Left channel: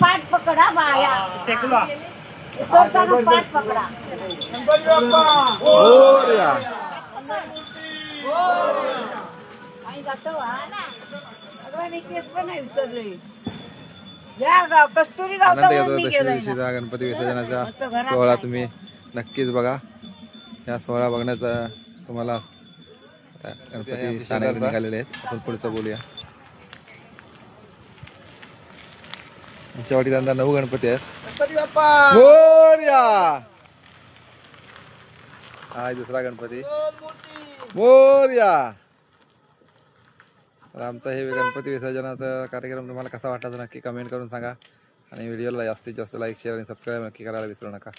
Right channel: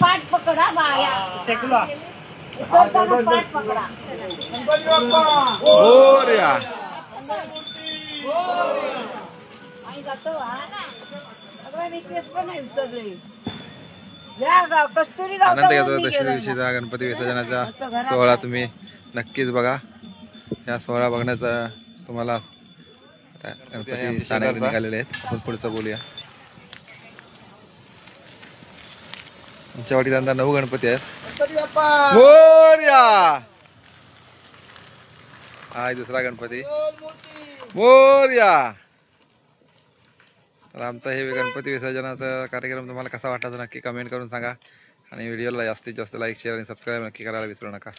पाठ पकडा बाया पकडा आनंद घेतो दशमी दिवशीचा गणपती विसर्जनाचा सोहळा तुम्ही नक्कीच बघा। या सोहळा बघण्याचा तुम्हाला गणपती ठाण्याकडे निघालेले आहेत। पुढचं बोलूया। आमच्या वाडीत यंदा 9 गणपती आहेत। गणपती बाप्पा मोरया। हा दुसरा गणपती मोरया। तर आमचा हे गणपती विसर्जनाचा कार्यक्रम तुम्हाला कसा वाटला तर नक्की कमेंट करून सांगा आणि व्हिडिओला जास्तीत जास्त लाईक शेअर आणि सबस्क्राईब नक्की करायला विसरू नका।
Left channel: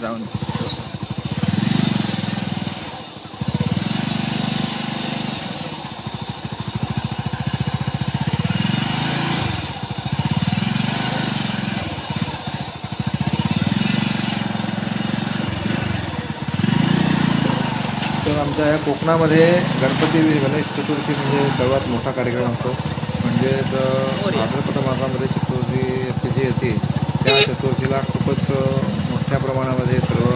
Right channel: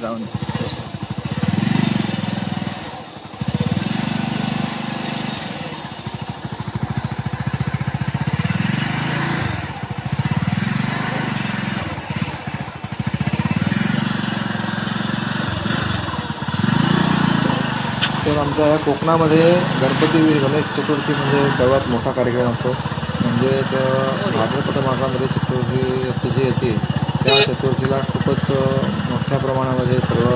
जाऊन तर आमच्या या कोकणामध्ये गणेश चतुर्थी म्हणजे सर्वात मोठा कार्यक्रम असतो। म्हणजेच भाद्रपद मासामध्ये चतुर्थी जी येते त्या चतुर्थीला खूपच मोठ्या प्रमाणामध्ये सर्व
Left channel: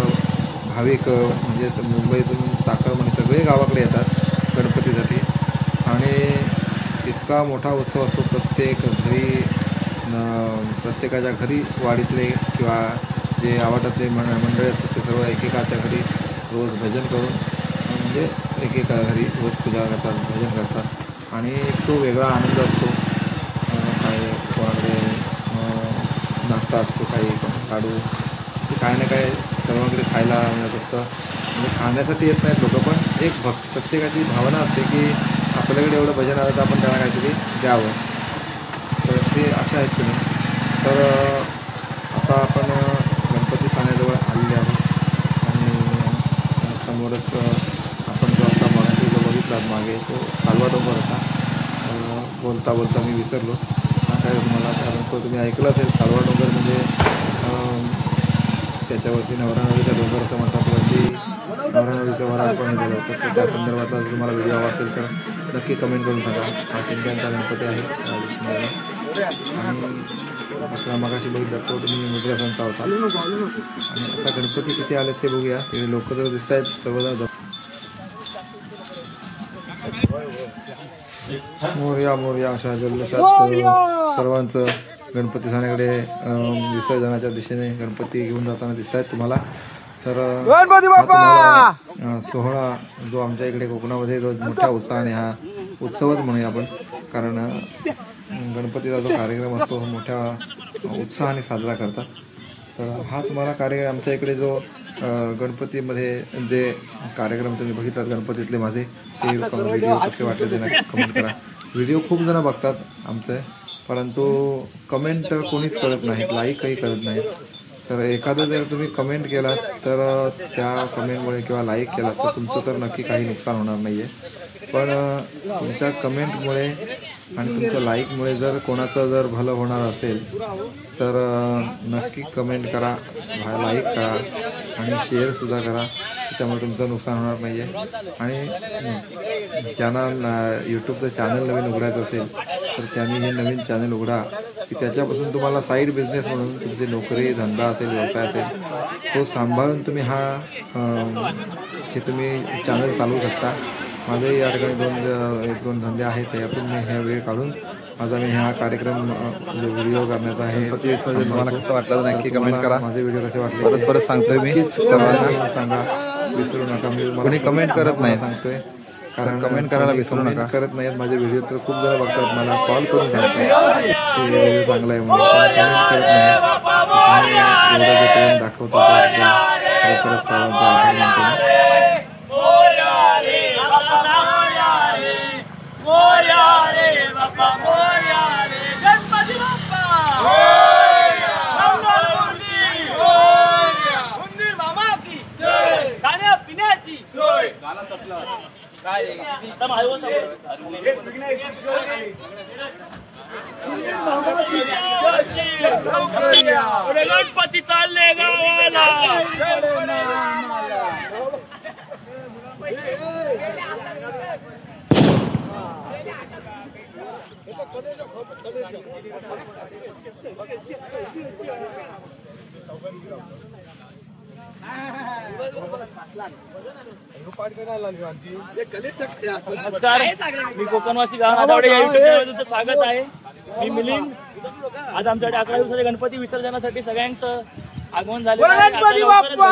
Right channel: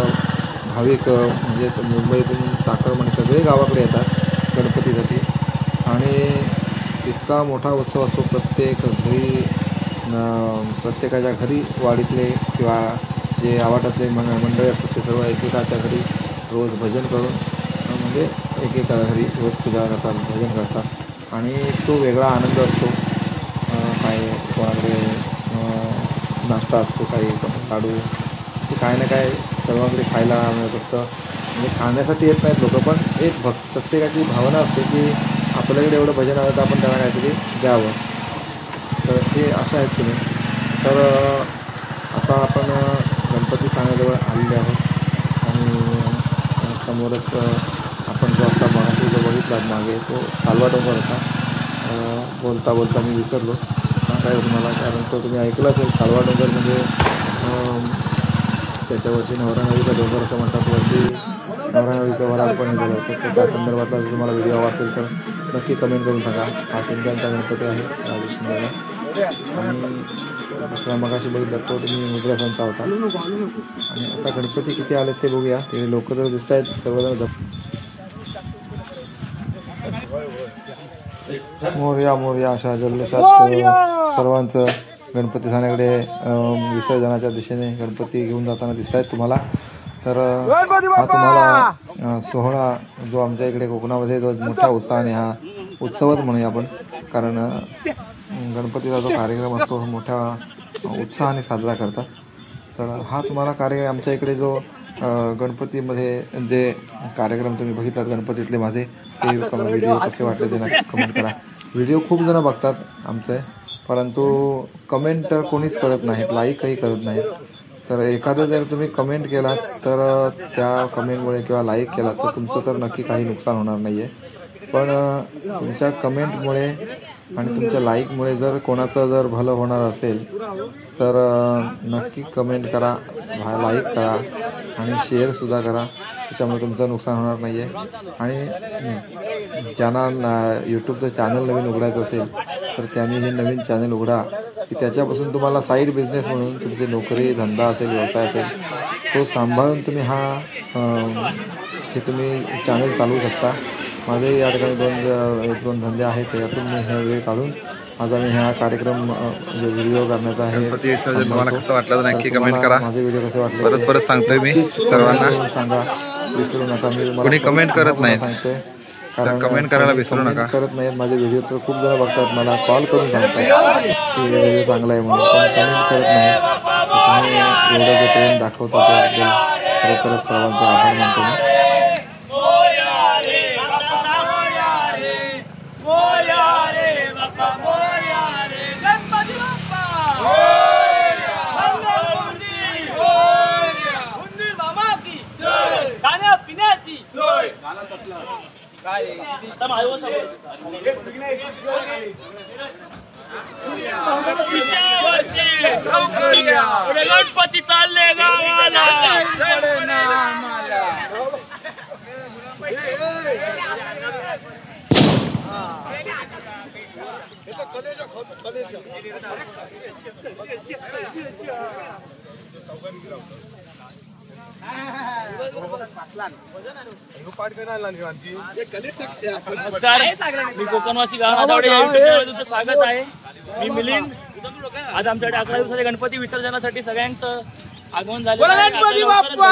भाविक म्हणजे मुंबईतून चाकरमानी सगळे गावाकडे येतात गणपतीसाठी आणि इतका मोठा उत्सव असतो। प्रत्येक घरी प्रत्येकाच्या घरी वाडीतले किंवा जे आवाटातले मंडळी असतात ते सर्व एकेकाच्या घरी रोज भजन करून म्हणजे एकेका घरी रोज पूजा करतात भजन करतात आणि एक तो वेगळा आनंद असतो। काही कोणाकडे नाश्ता असतो, काही लाडू असे काही ना काही सर्वांकडे खायला मिळत असतं। म्हणजे खाण्यासाठी येत नाहीत लोक पण एक प्रत्येकाची भावना असते की आपल्याकडे एवढं भजन आलं तर आपण त्यांना काहीतरी द्यावं। तर ते अशा आहेत तुम्ही। तर आता आपण गणपती ठाण्याजवळ आलेले आहोत आणि समोरच आपण जो आता मागे जो बघितला मागे तो कालवा डोंगर होता। बोलता बोलता मी विसरलो काय तुम्हाला, कारण तो तुम्ही ऐकलं असेल। कालवा डोंगर म्हणजे त्याच्यावरती नवरा नदीचा डोंगर असं म्हणतात, वरती नवरा नदीचं वराळ पण झालं होतं। तर त्या संदर्भातला जर तुम्हाला व्हिडिओ हवा असेल तर नक्की कमेंट करून सांगा। हा शिंद्यांचा गणपती आहे राजेश शिंदेला आणि दुसरा मगाशी बघितला तो तुम्ही मुद्रासांचा होता। आणि आता गणपती किती आले ते बघूया। ते लोक जर दिसत आहेत सर्वजण मोरया मोरया अशा जल्लोषात सर्वांचं गणपती ठाण्याकडे विसर्जनाच्या दिशेने गणपती घेऊन जाताना दिसत आहेत तुम्हाला। तर हा तुम्हाला सोहळा जो आमच्या इकडे कोकणामध्ये रोज मोठ्या उत्साहाने हा उत्सवच म्हणूया आपण, कारण गणपतीचा जो कार्यक्रम असतो मोठ्या उत्साहाने साजरा करतात। तर हा तुम्हाला कार्यक्रम आमच्या इकडे जो गणपतीमध्ये जे कार्यक्रम तुम्ही बघितलात गणपतीतले माझे ते व्हिडिओ कसे वाटले ते नक्की कमेंट करा। व्हिडिओ खूप जण बघतात आमचे, परंतु कमेंट कोणीच करत नाहीत, लाईकही करत नाहीत। तर एखादं जर तुम्ही कमेंट केलात तर त्या कमेंटमुळे किंवा लाईक केलात तर तुमचं तर नक्की काही नुकसान होणार नाही आहे, पण तुमच्या कमेंटमुळे आणि तुमच्या लाईकमुळे जर कोणाचं जर भलं होणार असेल तर नक्की कमेंट करा, लाईक करा आणि शेअरसुद्धा करा। त्याच्यामुळे तुमचं नुकसान होणार नाही आहे। आणि ज्यांना यूट्यूबचं चॅनल नवीन उघडायचं असेल तर त्यांनी हे नवीन चॅनल उघडा की त्याच्यापासून तुम्हाला साईड बिझनेस म्हणून तुमची नोकरी धंदा असेल व्यवसाय असेल तो सांभाळून तुम्ही हे तुम्ही चॅनल चालवू शकता। माझे या ठिकाणी एक दोन धंदे आहेत, यातून मी हे वेळ काढून माझा मी हा कार्यक्रम म्हणजे व्हिडिओ करण्याचा आहे। गणपती विसर्जन तुम्हाला कसं वाटलं तर नक्की कमेंट करा। माझे व्हिडिओ कसे वाटले परत सांगतोय मी सर्वांना, सांगा विसरू नका। मी कोणी कमेंट करत नाही सांगतोय, कारण कमेंट करायला विसरू नका। करत नाहीत माझे व्हिडिओ तर खूप जण बघतात, मला कॉल करून सांगतात की व्हिडिओ चांगला आहे म्हणून, पण कमेंट करत नाही। एवढं जे प्रेम दाखवतो खरोखरच सर्वांचा आभार मानतो मी। गणपती चालले गावाला. नमस्कार, मी कोकणवासी गाव नादावडे या युट्यूब चॅनलवर तुमचं स्वागत आहे. मी मिलिंद. आज आमच्याकडे 11 दिवसाच्या गणपती विसर्जनासाठी सगळ्यांचं आगमन झालेलं आहे. गणपती बाप्पा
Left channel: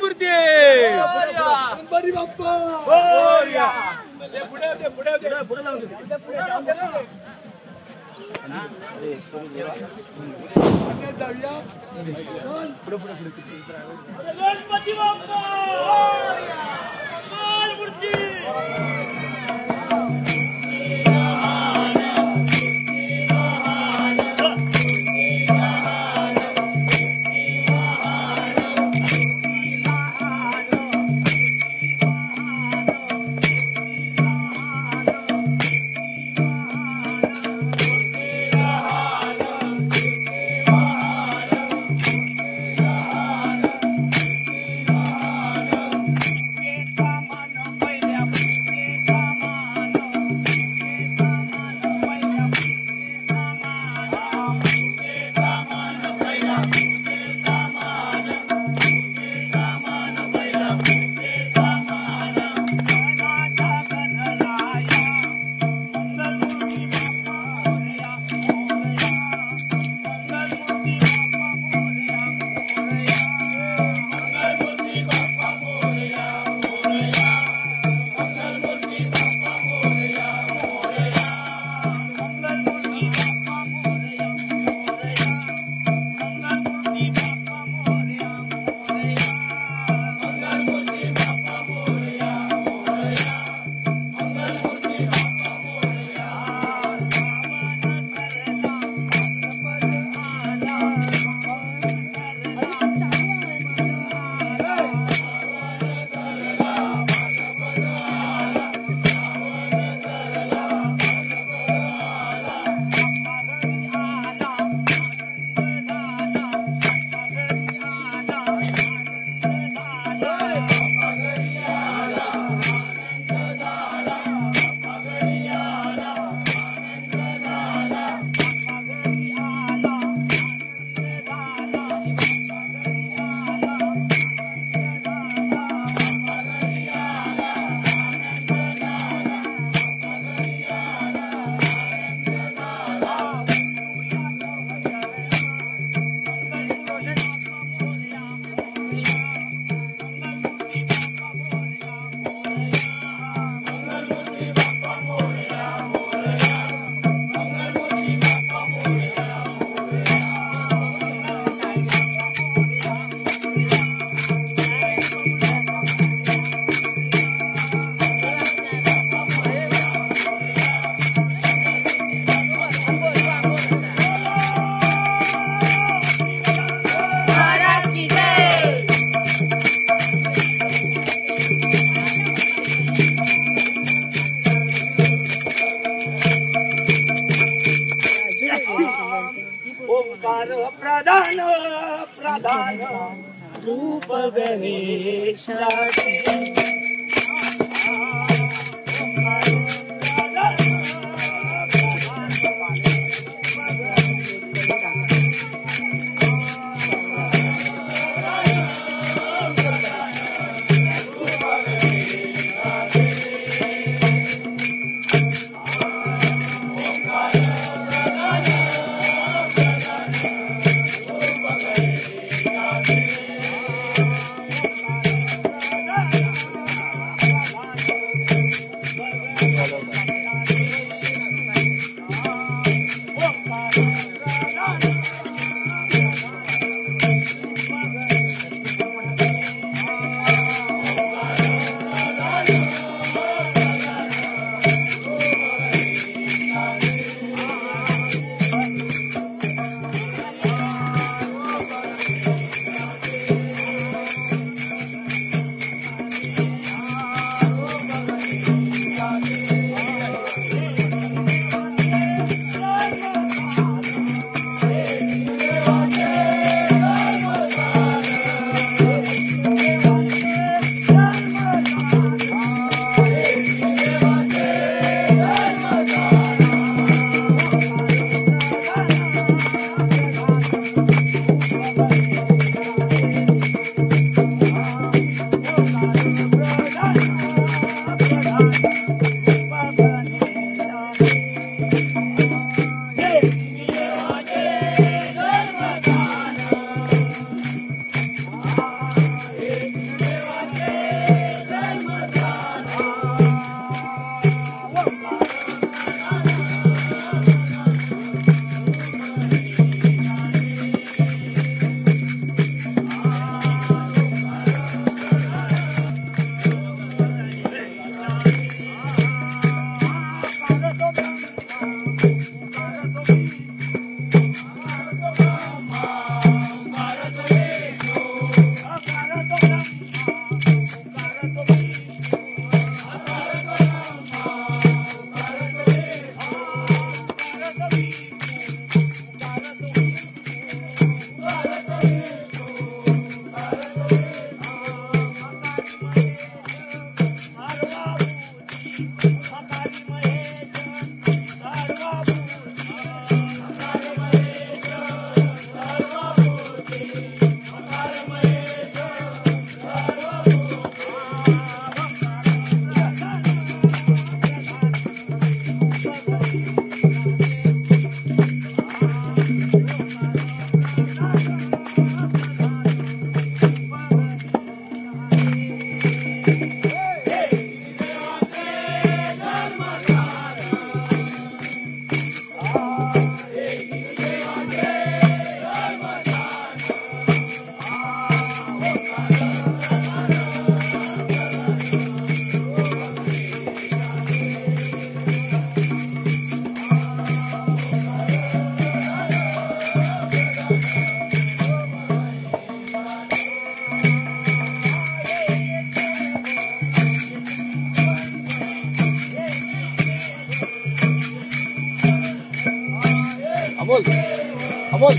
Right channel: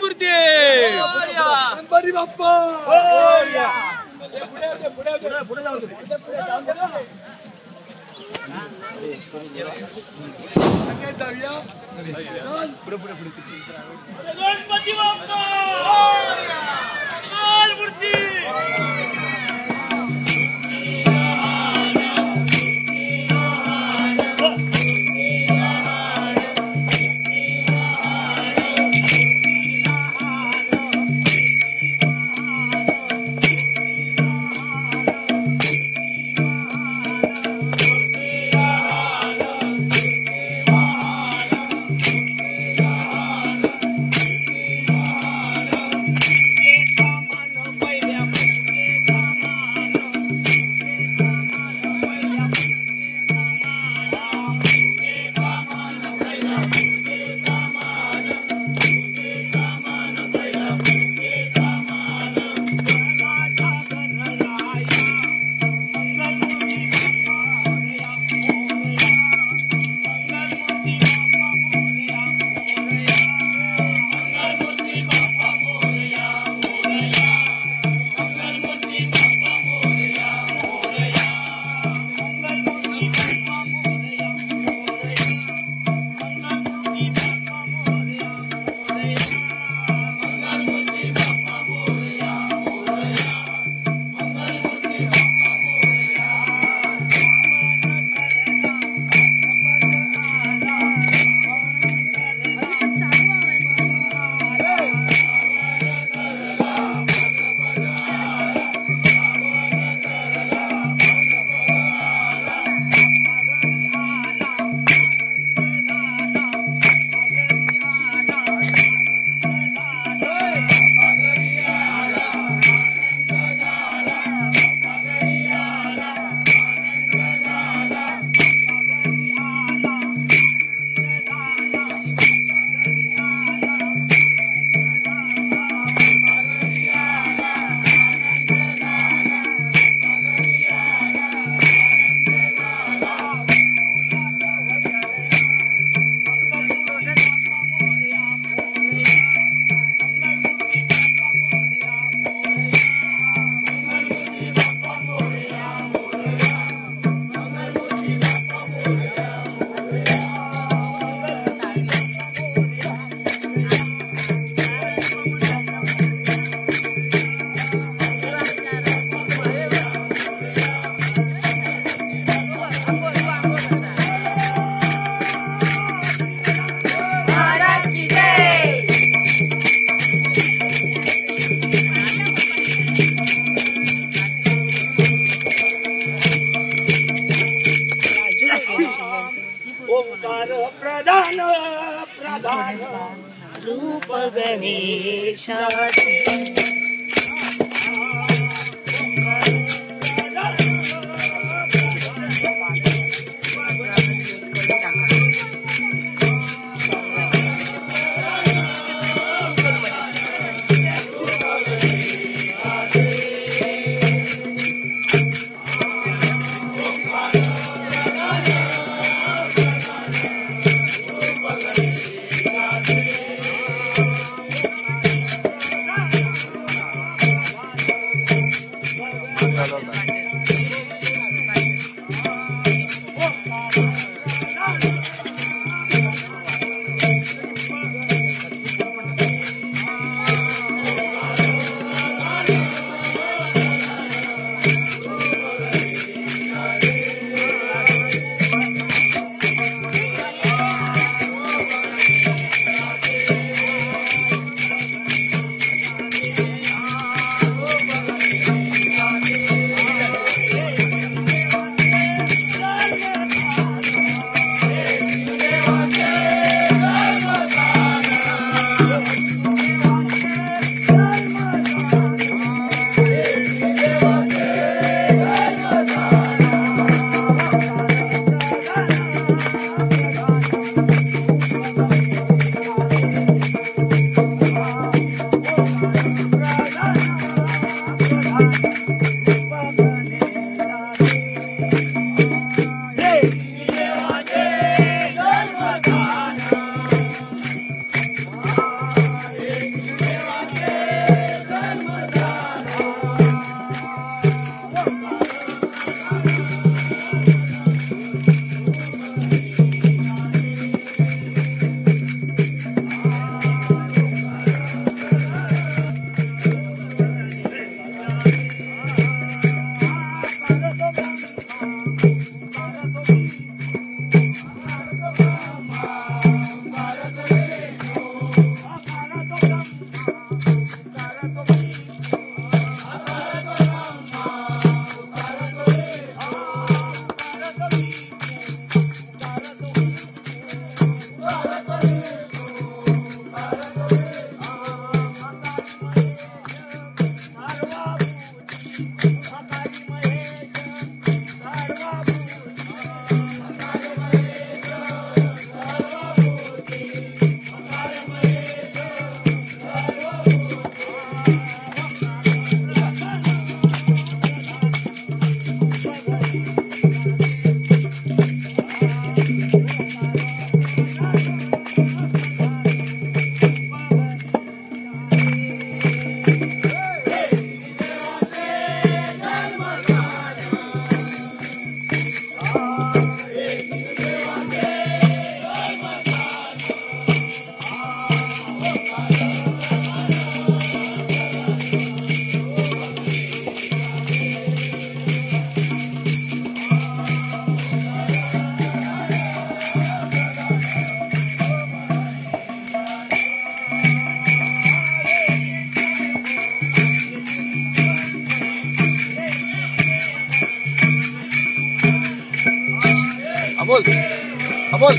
मूर्ती गणपती बाप्पा. गणपती बाप्पा मूर्ती. ओंकार प्रधान प्रधान रूप गणेशाचे अमोल अमोल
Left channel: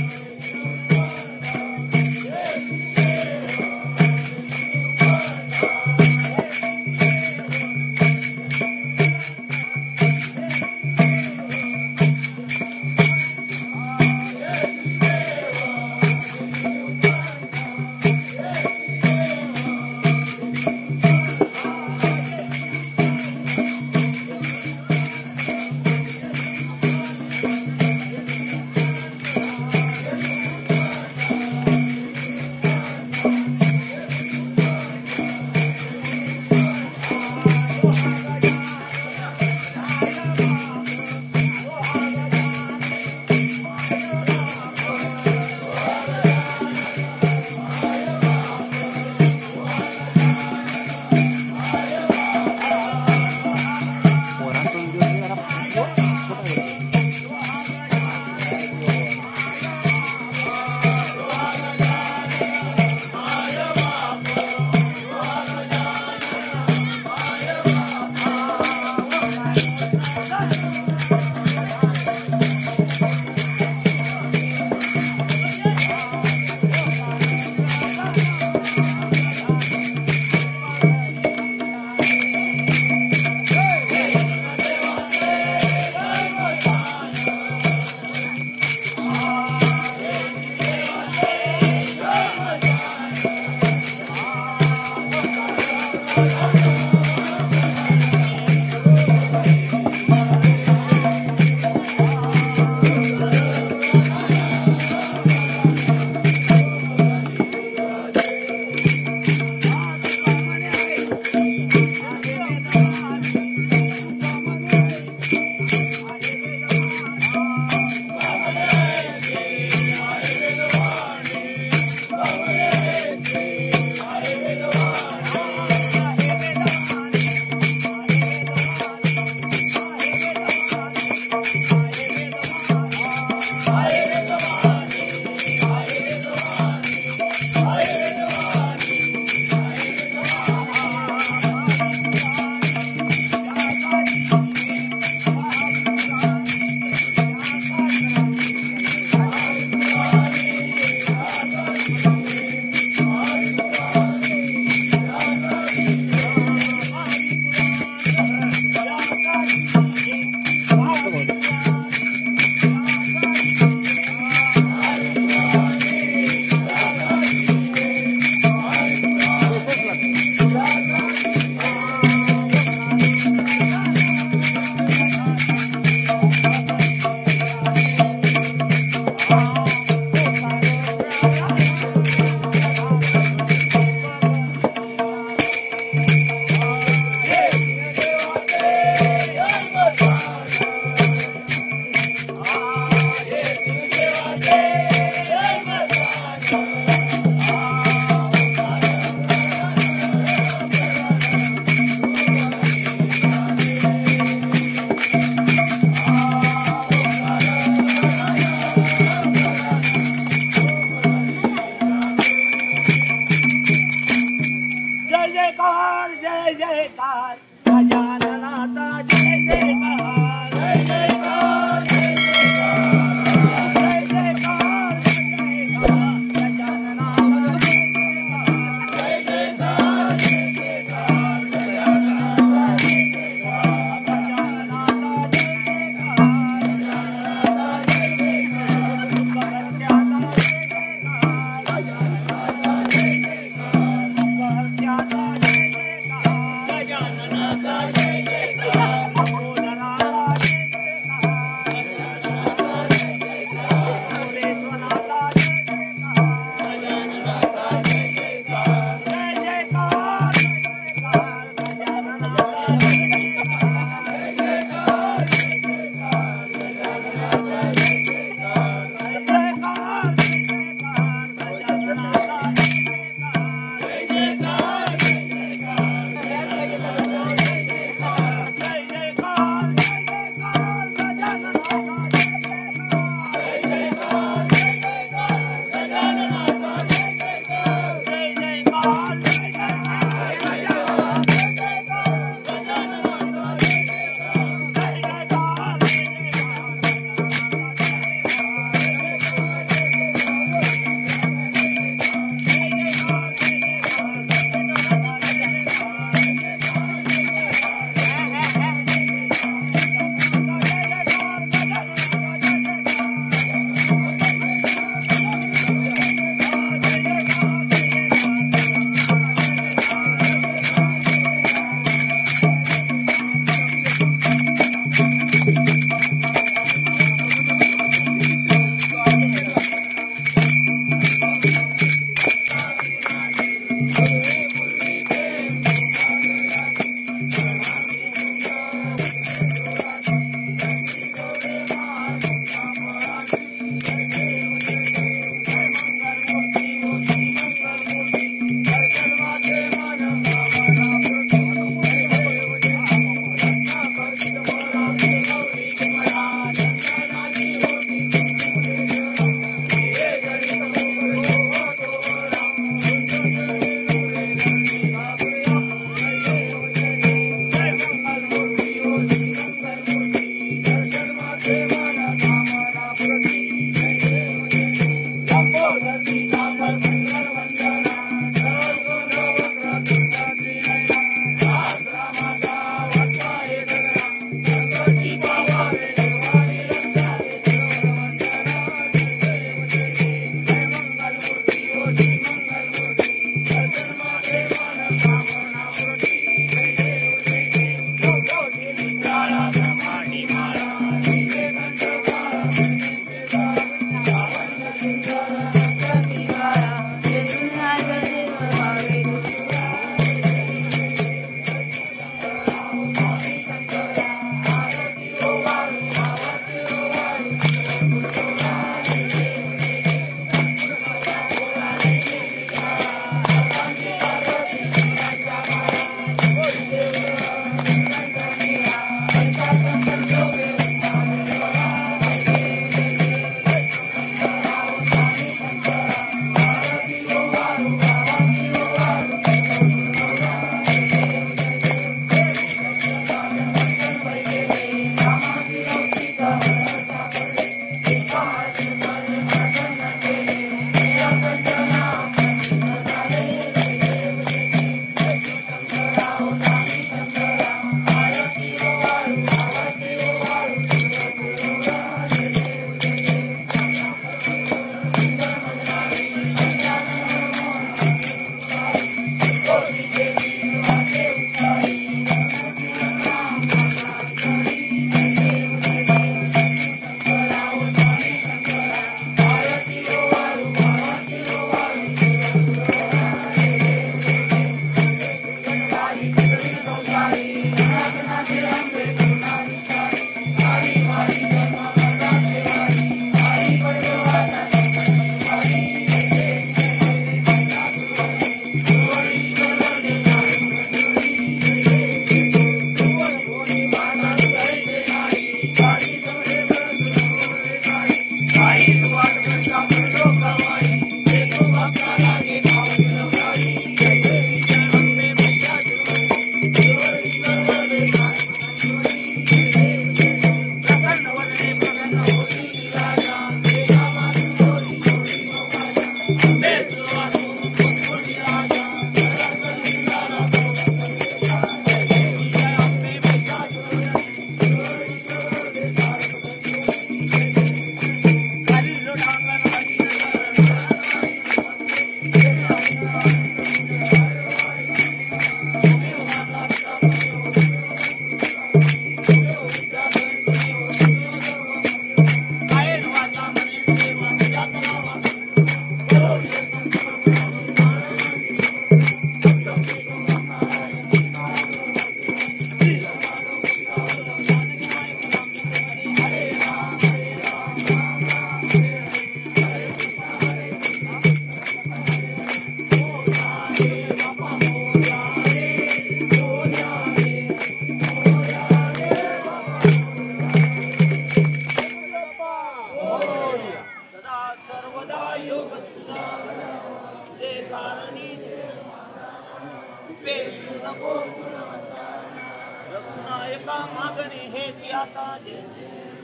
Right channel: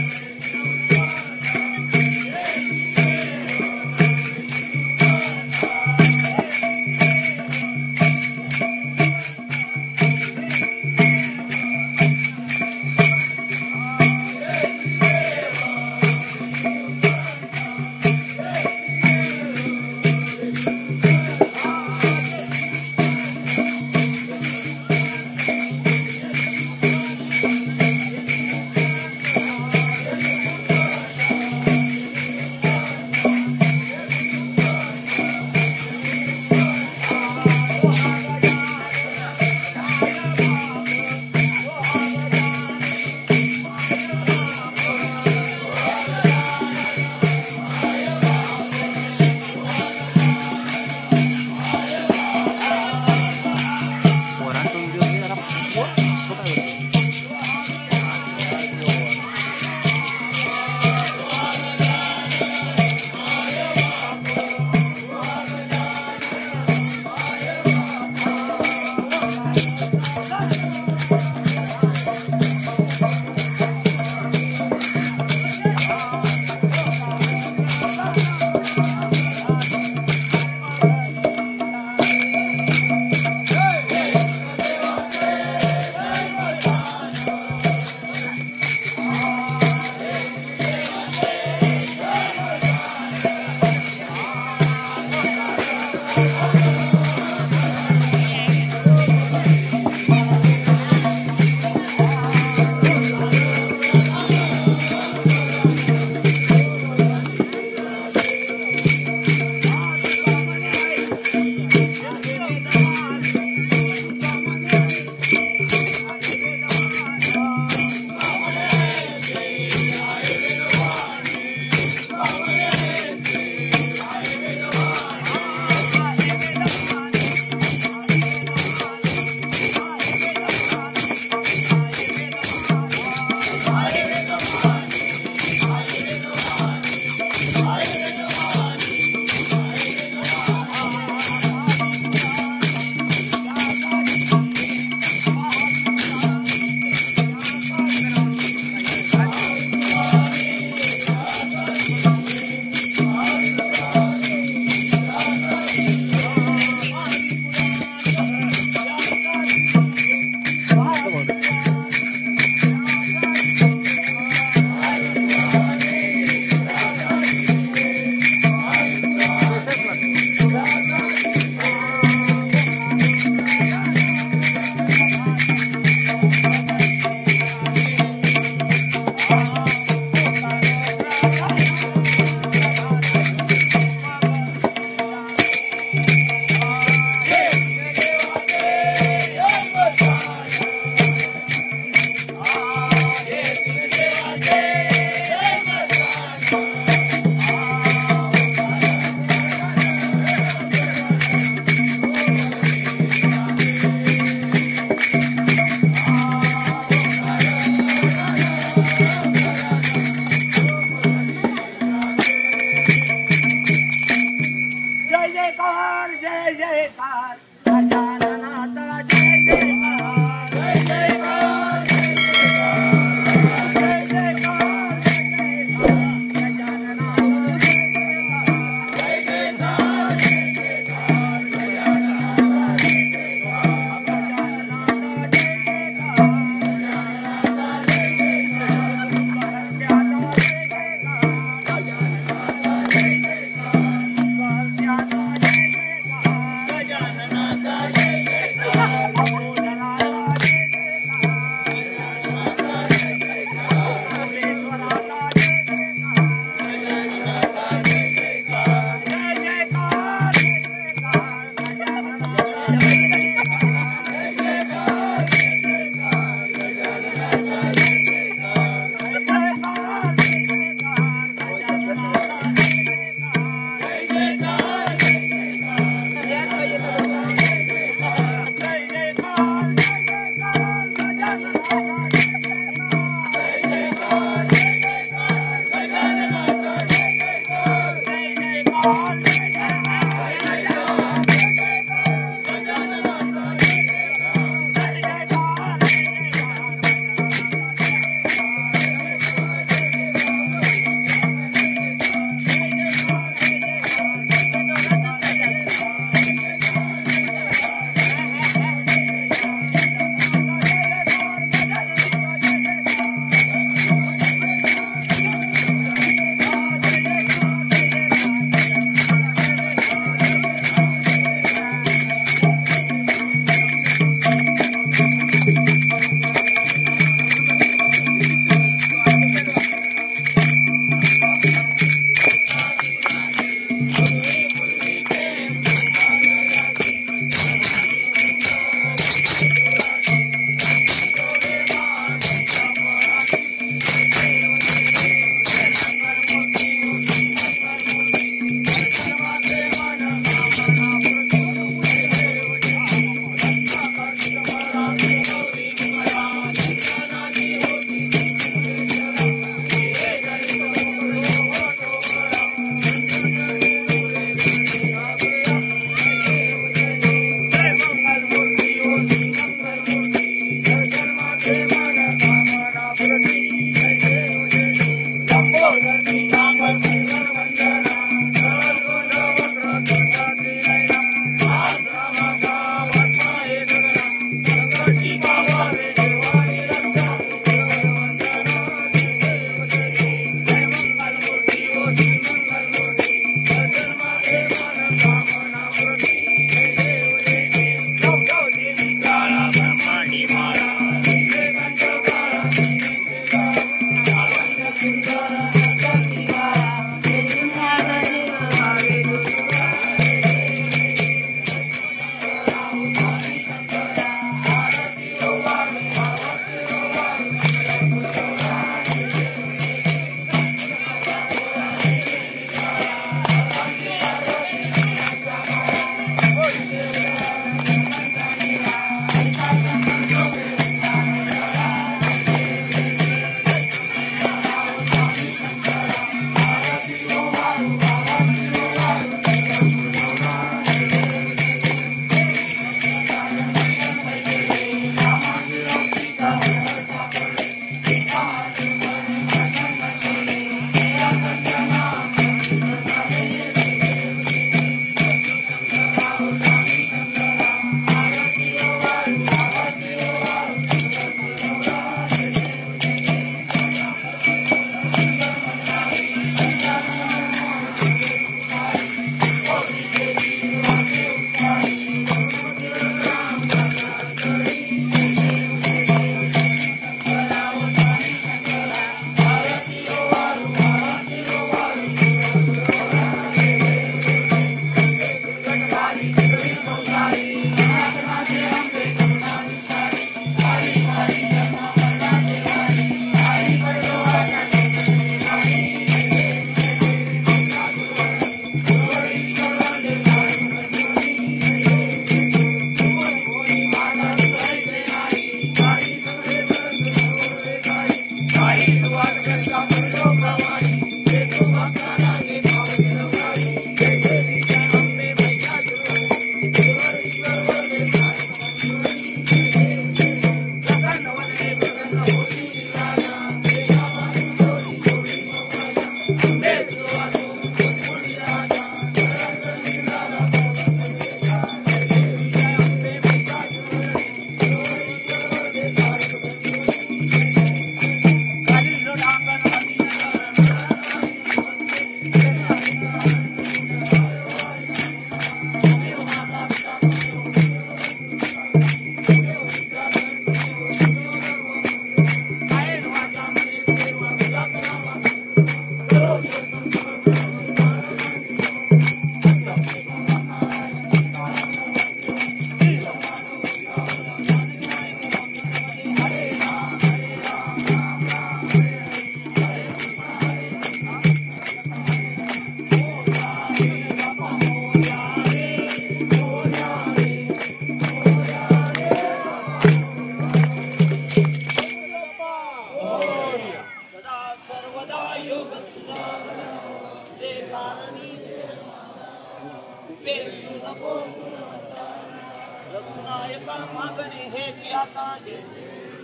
का मागणे हे की आता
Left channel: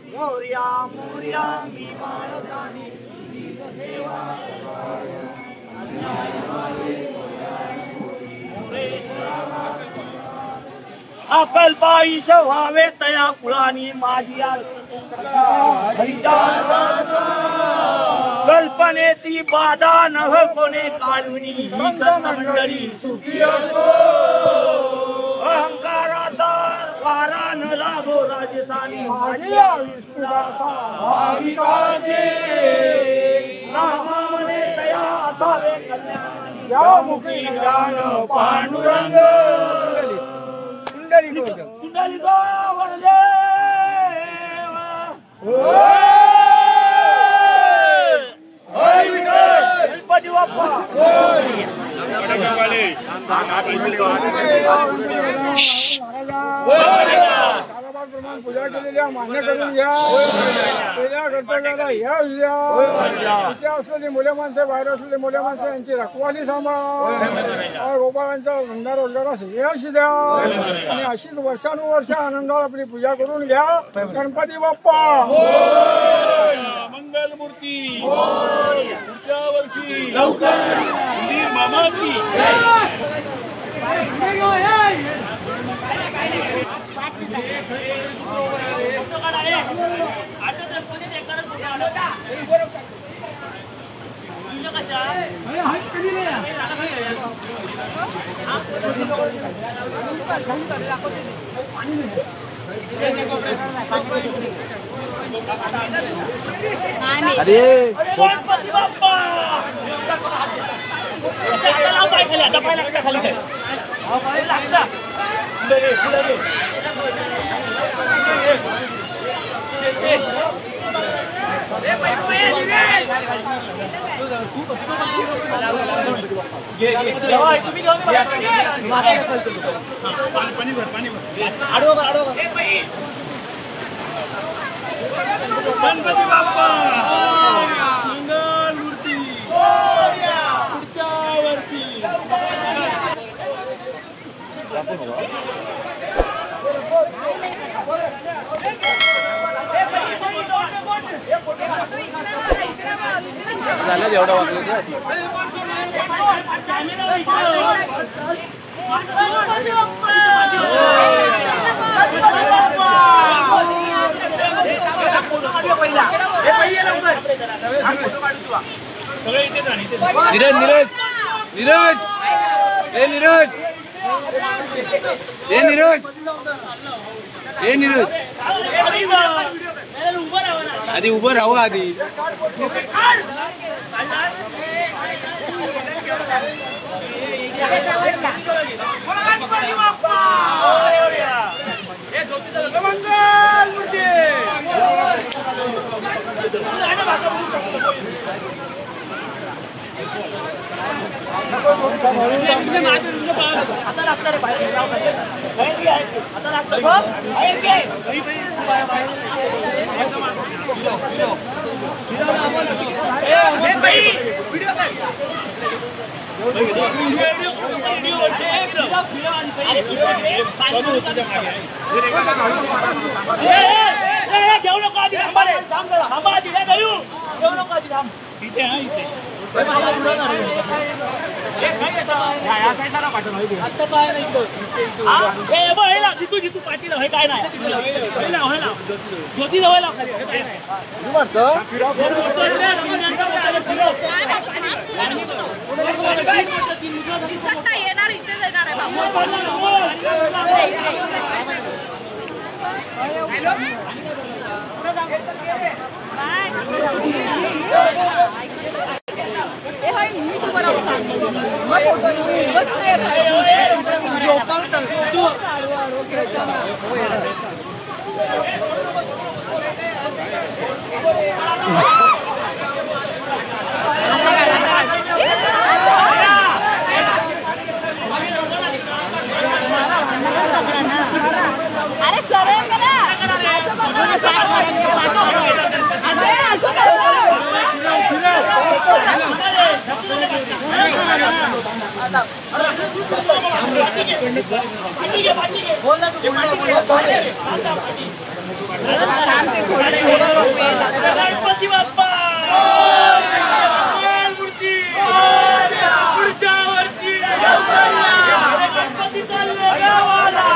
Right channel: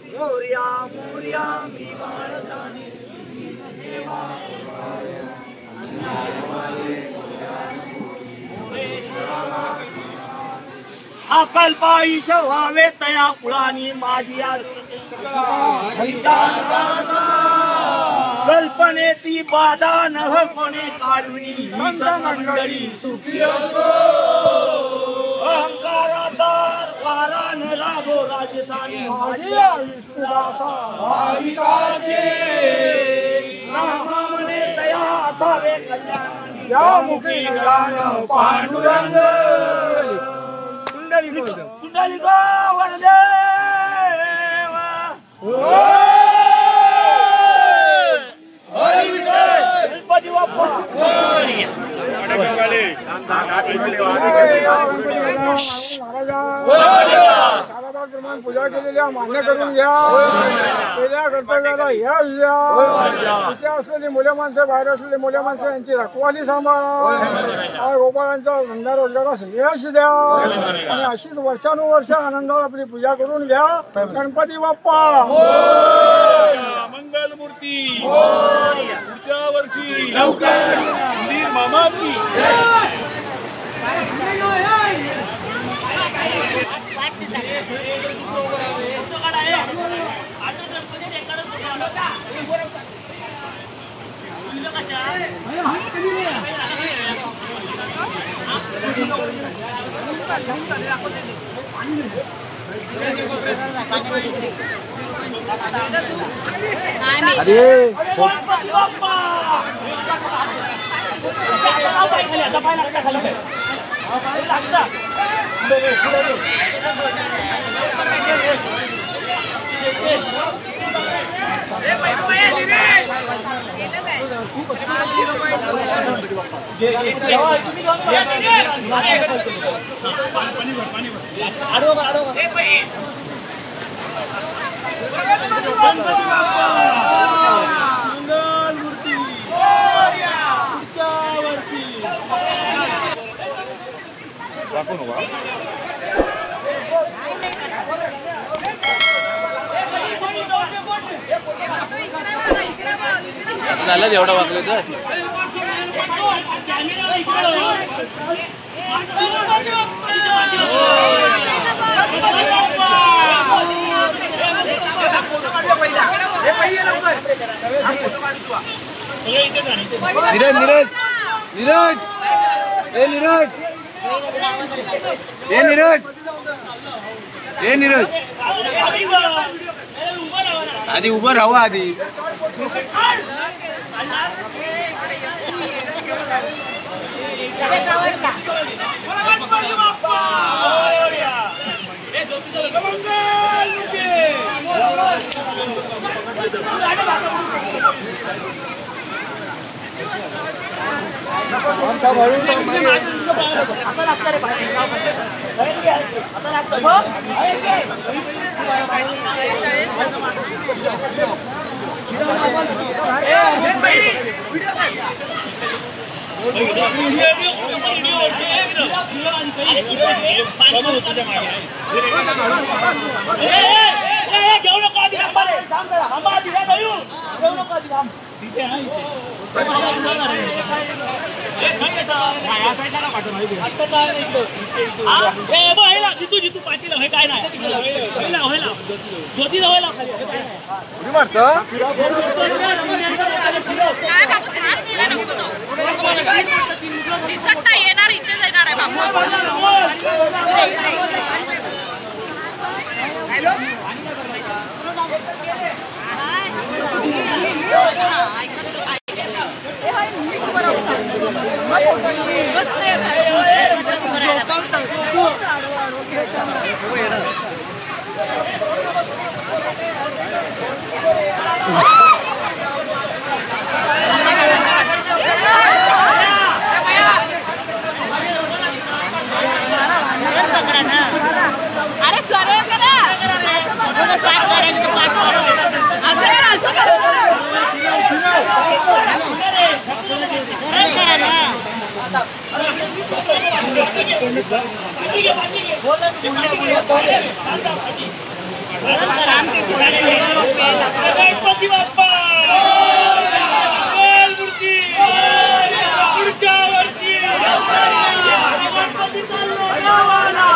मोर्या मोर्या मी बाळताने अकल्पाईस व्हावे तया कुळानी माझी कल्पनेती बाधा नभ कोणे काढुनी ही संत मंडळी सुखी असो अहंकारादार वारा न लागो राजस्थानी माझी रामाने तया असावे कल्याण या मुखी ज्ञान पांडुरंग कुंडली गो वरदेव गणपती बाप्पा प्रमाण पूजा केलेल्या मान्य करून घ्या पहिल्या कर्तव्याला यश द्या इथे असलेली मुले माणसं बाहेर असलेली मुले माणसं यांची रखवाली सांभाळा गोपाळांचा धंदा रोजगारास यश द्या आणि अशीच वर्षानुवर्ष आनंदात आपली पूजा करून घ्या गणपती बाप्पा मंगलमूर्ती पुढच्या वर्षी लवकर मामाची गणपती बाप्पा आता पाय लागता खाली काय लागता गणपती बाप्पा मंगलमूर्ती पुढच्या वर्षी झालं एवढं वाजलं नीरज नीरज ए नीरज ए नीरज ए नीरज आधी उभं राहू आधी घेऊ नको आधी थांबा आधी घेऊ नको आधी थांब तिथे हा इथे जितू पाटील हे काय नाही ज्योती जवळ दिसत नाही येणार इथे येणार आहे बाबा अरे सरळ करा असं गणपती बाप्पा मूर्ती पुढच्या वर्षी गणपती चाललो गावाला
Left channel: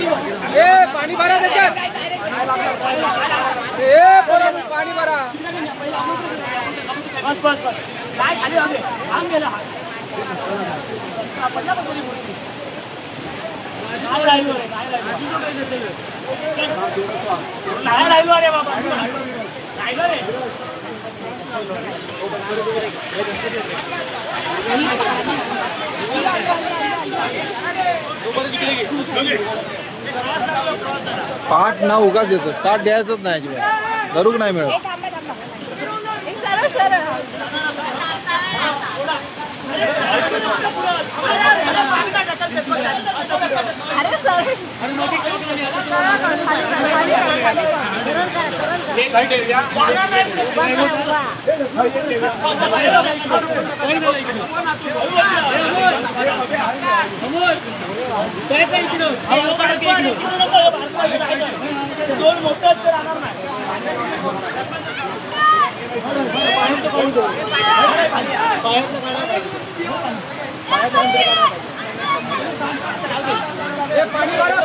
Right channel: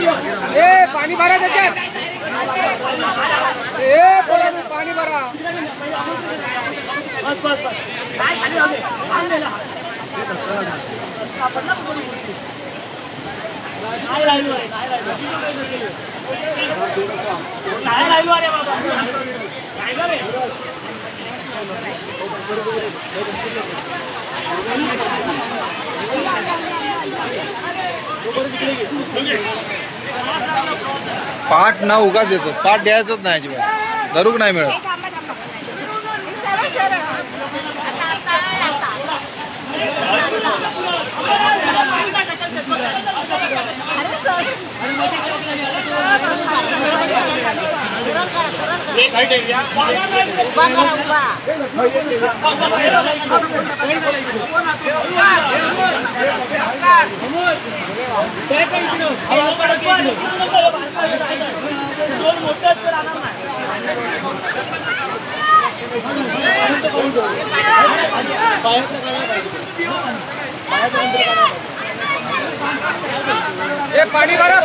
पाणी भरा त्याच्यात पाणी भरा पाठ ना उगाच देतो, पाठ द्यायचंच नाही अजिबात, धरूक नाही मिळत. दोन मोठे राहणार नाही. पाणी भरा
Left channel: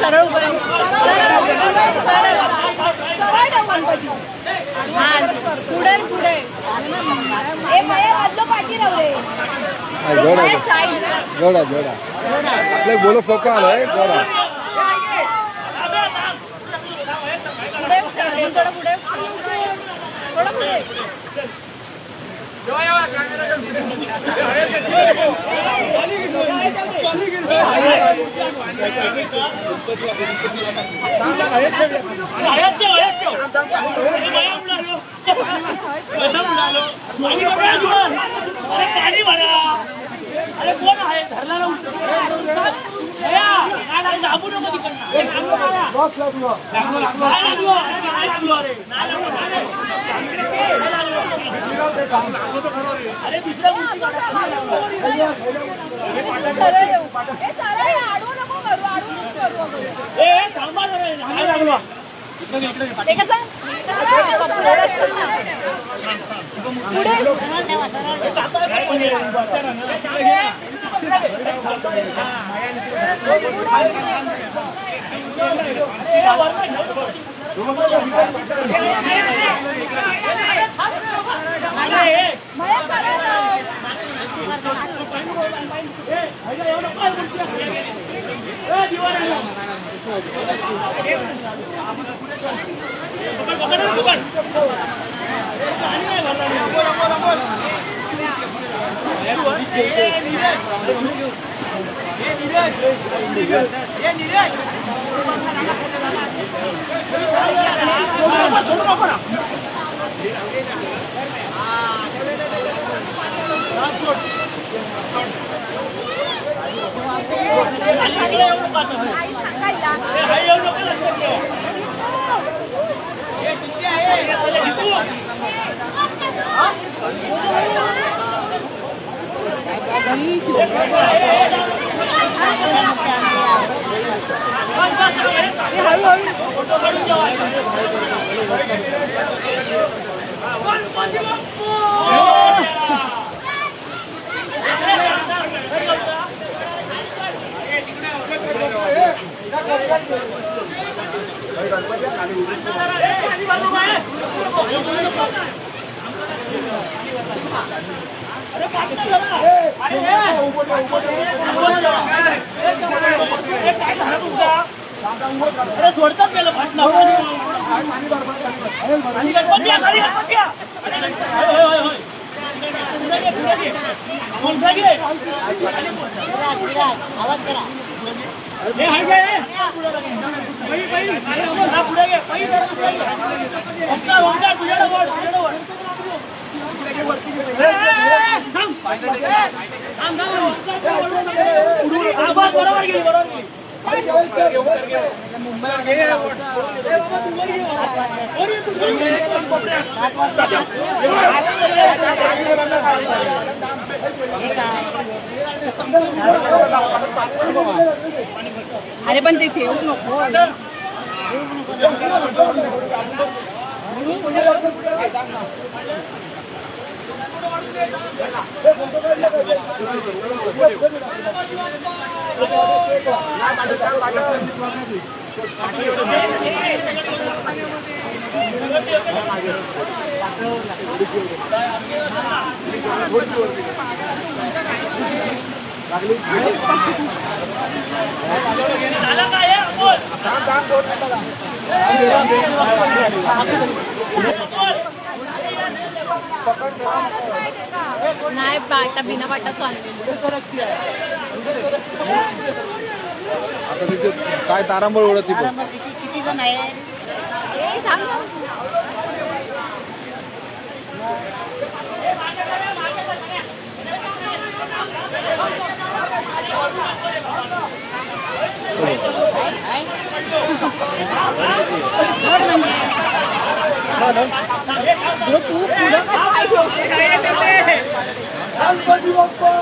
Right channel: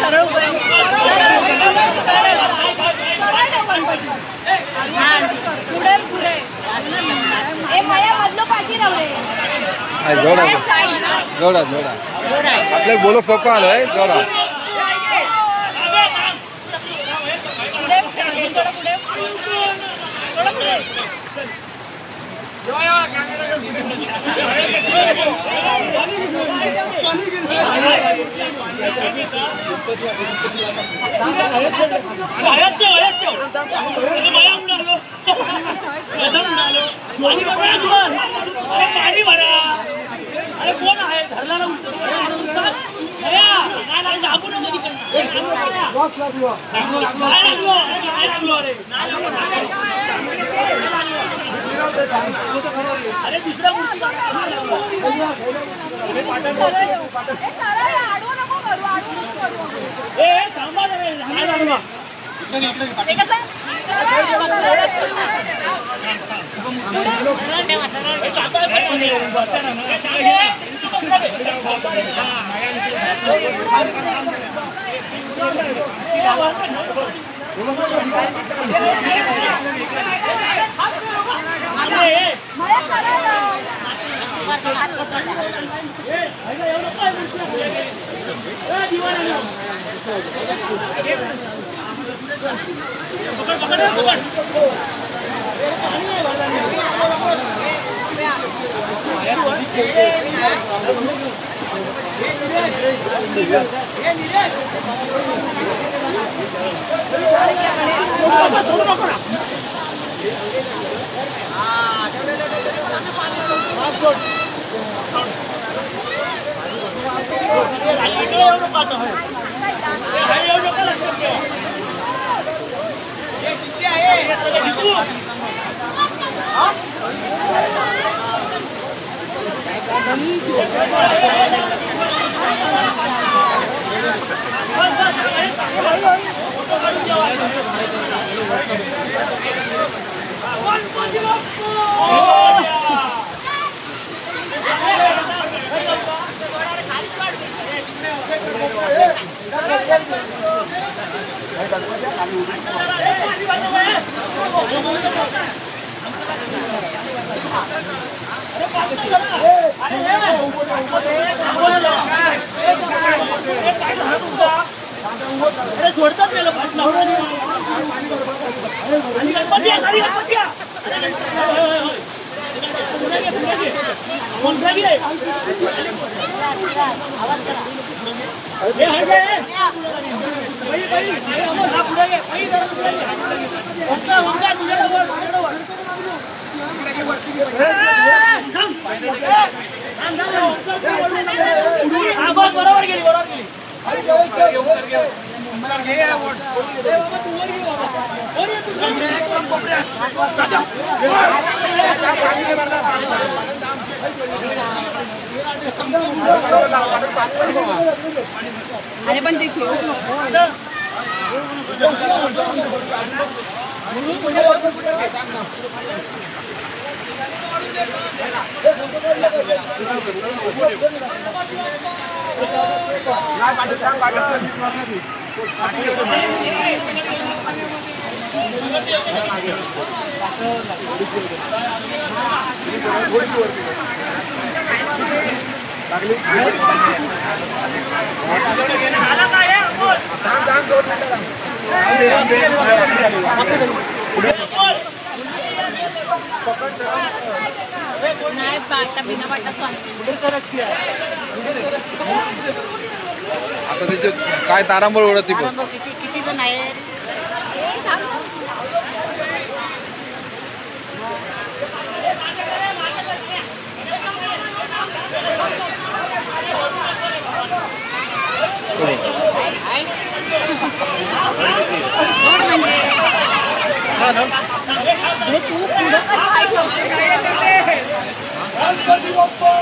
सरळ पुढे पुढे ए भैया मधलो पाठी राहू दे. जोडा जोडा जोडा आपल्या बोलक सोपं आलोय. जोडा पाणी भरा. अरे कोण आहे धरला ना दाबू नको अरे दुसऱ्या मूर्ती थांबा जरा. अरे सोडतात गेलं पाटला गणपती खाली गणपती बरोबर गेली अरे पण ते ठेवू नको नाही बाटा बिना बाटा सांगते आता त्याचे काय तारांबळ उडत बघ. किती जण आहे गणपती बाप्पा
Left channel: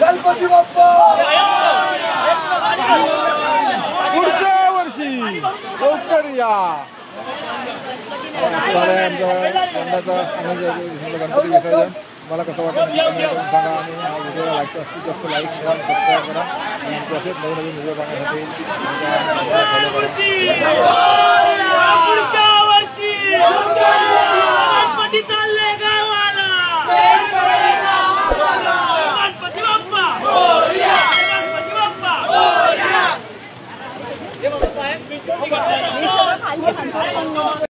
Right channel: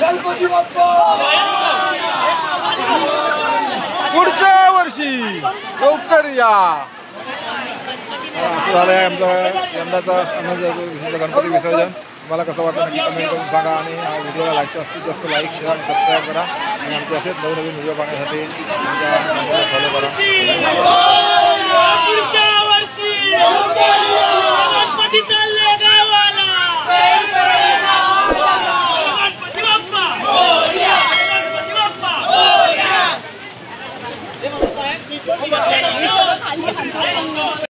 गणपती बाप्पा पुढच्या वर्षी लवकर या. असं झालंय आमचं यंदाचा गणपती विसर्जन. मला कसं वाटतं नक्की कमेंट करून सांगा आणि हा व्हिडिओला लाईक जास्तीत जास्त लाईक शेअर सबस्क्राईब करा आणि आमचे असेच नवनवीन व्हिडिओ पाहण्यासाठी आमच्या चॅनलला फॉलो करा.